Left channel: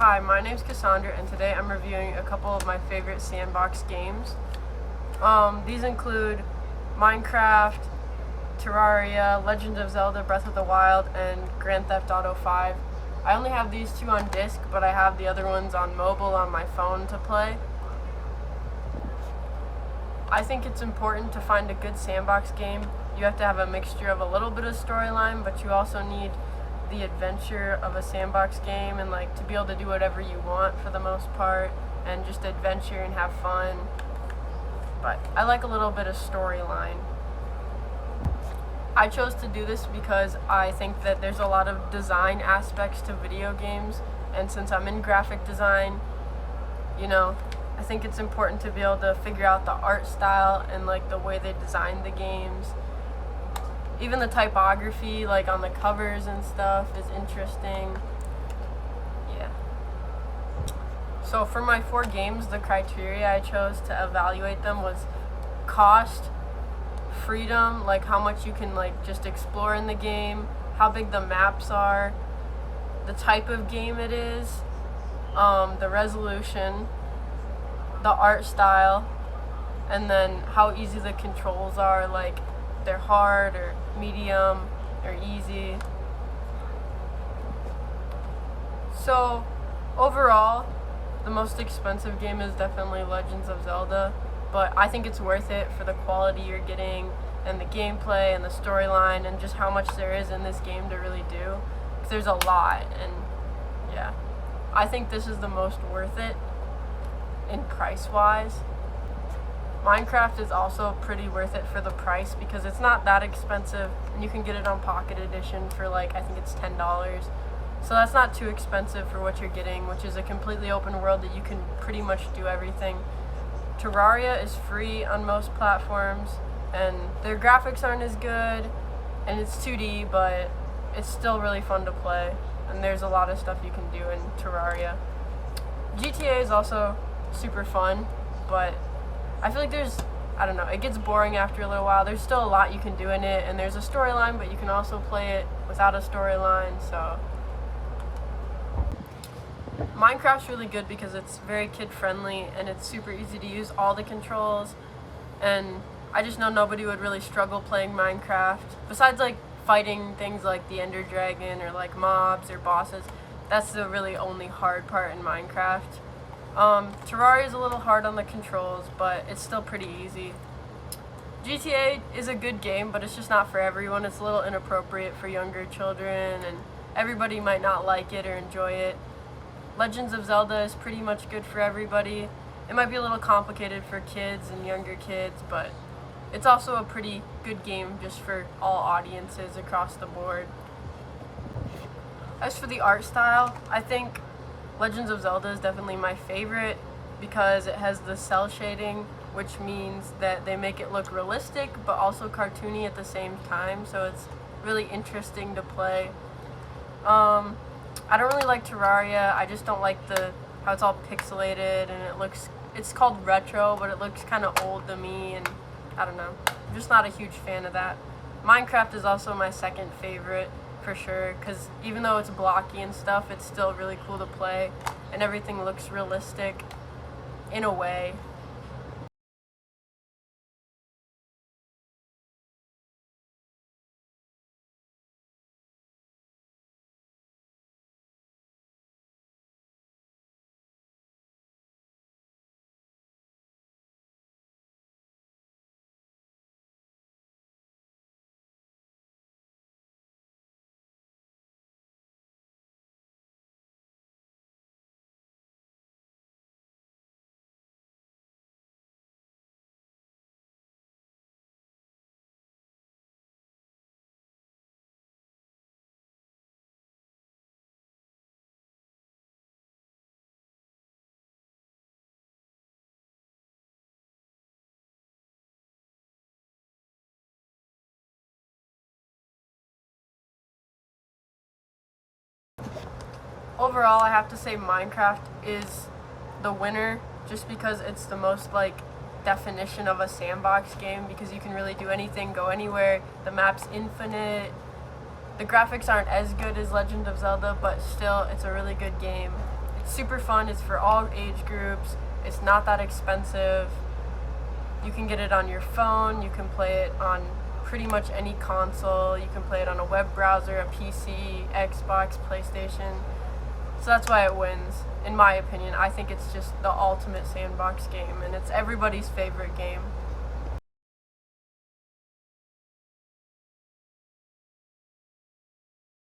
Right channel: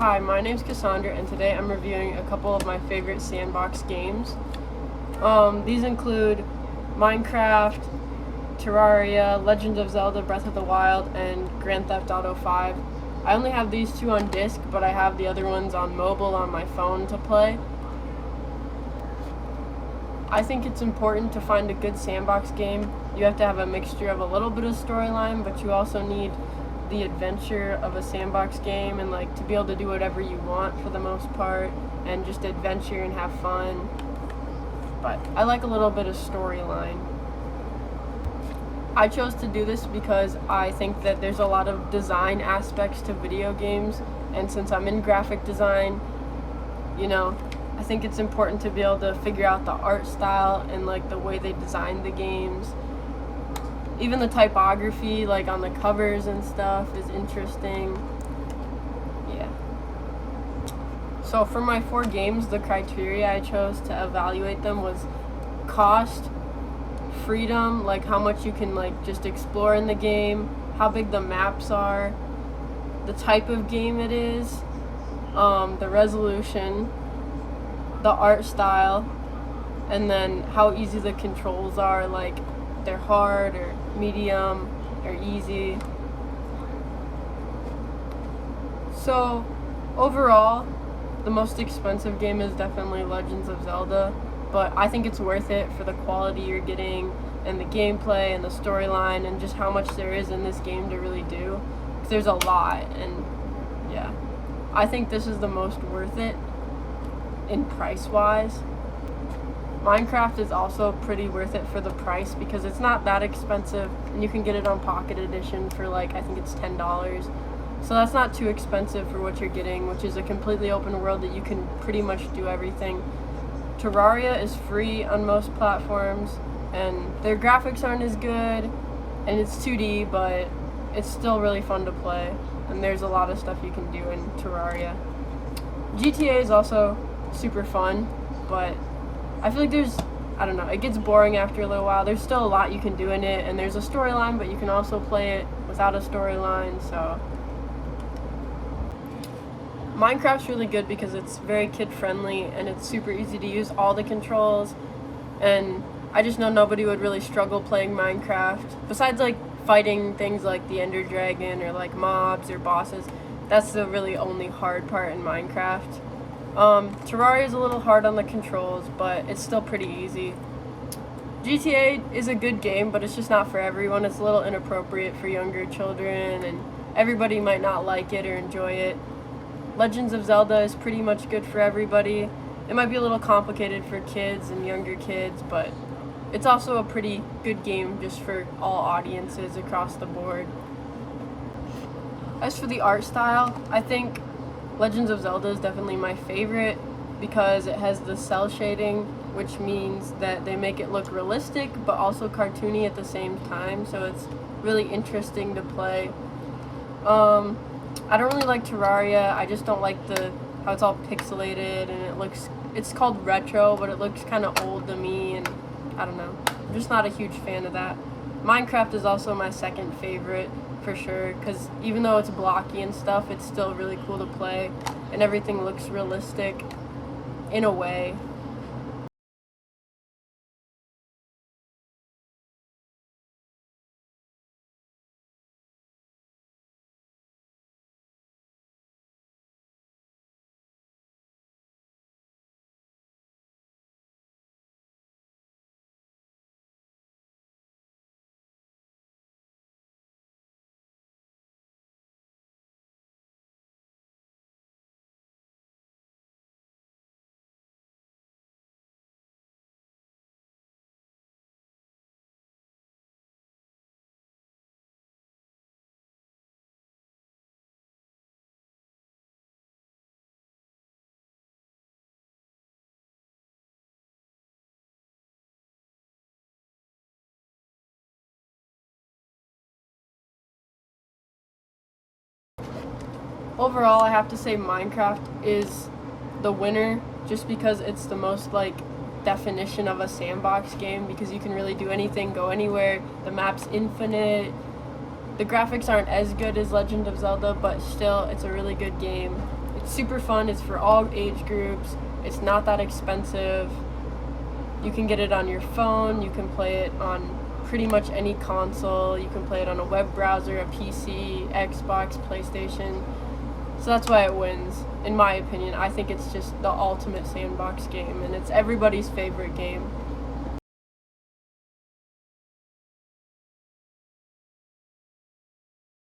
Hi, my name's Cassandra, and today I'm reviewing a couple of my favorite Sandbox games. These include Minecraft, Terraria, Legend of Zelda Breath of the Wild, and Grand Theft Auto 5. I only have these two on disc, but I have the other ones on mobile on my phone to play. I think it's important to find a good Sandbox game. You have to have a mixture of a little bit of storyline, but you also need the adventure of a Sandbox game and to be able to do whatever you want for the most part and just adventure and have fun. But I like a little bit of storyline. I chose to do this because I think that there's a lot of design aspects to video games, and since I'm in graphic design, I think it's important to be able to figure out the art style and the way they design the games. Even the typography, on the covers and stuff, is interesting. Yeah. So for my 4 games, the criteria I chose to evaluate them was cost, freedom, how much you can just explore in the game, how big the maps are, the type of game it is, the resolution, the art style, and then how easy the controls are, they're hard or medium or easy. So overall, the most expensive game is definitely Legends of Zelda, but I think it's worth it for the quality you're getting and the gameplay and the storyline and just how much there is in this game to really do, because there's a lot. And yeah, I think this is the most worth it in price wise. Minecraft is also pretty worth it for the price because it's not that expensive, and you can get it on Pocket Edition for I think it's $10. So that's not too expensive for what you're getting, which is a completely open world that you can pretty much do everything. Terraria is free on most platforms, and their graphics aren't as good, and it's 2D, but it's still really fun to play, and there's a lot of stuff you can do in Terraria. GTA is also super fun, but I feel like it gets boring after a little while. There's still a lot you can do in it, and there's a storyline, but you can also play it without a storyline, so. Minecraft's really good because it's very kid-friendly, and it's super easy to use all the controls, and I just know nobody would really struggle playing Minecraft. Besides, fighting things like the Ender Dragon, or mobs or bosses. That's the really only hard part in Minecraft. Terraria is a little hard on the controls, but it's still pretty easy. GTA is a good game, but it's just not for everyone. It's a little inappropriate for younger children, and everybody might not like it or enjoy it. Legends of Zelda is pretty much good for everybody. It might be a little complicated for kids and younger kids, but it's also a pretty good game just for all audiences across the board. As for the art style, I think Legends of Zelda is definitely my favorite because it has the cell shading, which means that they make it look realistic but also cartoony at the same time, so it's really interesting to play. I don't really like Terraria. I just don't like how it's all pixelated, and it's called retro, but it looks kind of old to me, and I don't know. I'm just not a huge fan of that. Minecraft is also my second favorite for sure, because even though it's blocky and stuff, it's still really cool to play, and everything looks realistic in a way. Overall, I have to say Minecraft is the winner just because it's the most definition of a sandbox game, because you can really do anything, go anywhere. The map's infinite. The graphics aren't as good as Legend of Zelda, but still, it's a really good game. It's super fun. It's for all age groups. It's not that expensive. You can get it on your phone. You can play it on pretty much any console. You can play it on a web browser, a PC, Xbox, PlayStation. So that's why it wins, in my opinion. I think it's just the ultimate sandbox game, and it's everybody's favorite game.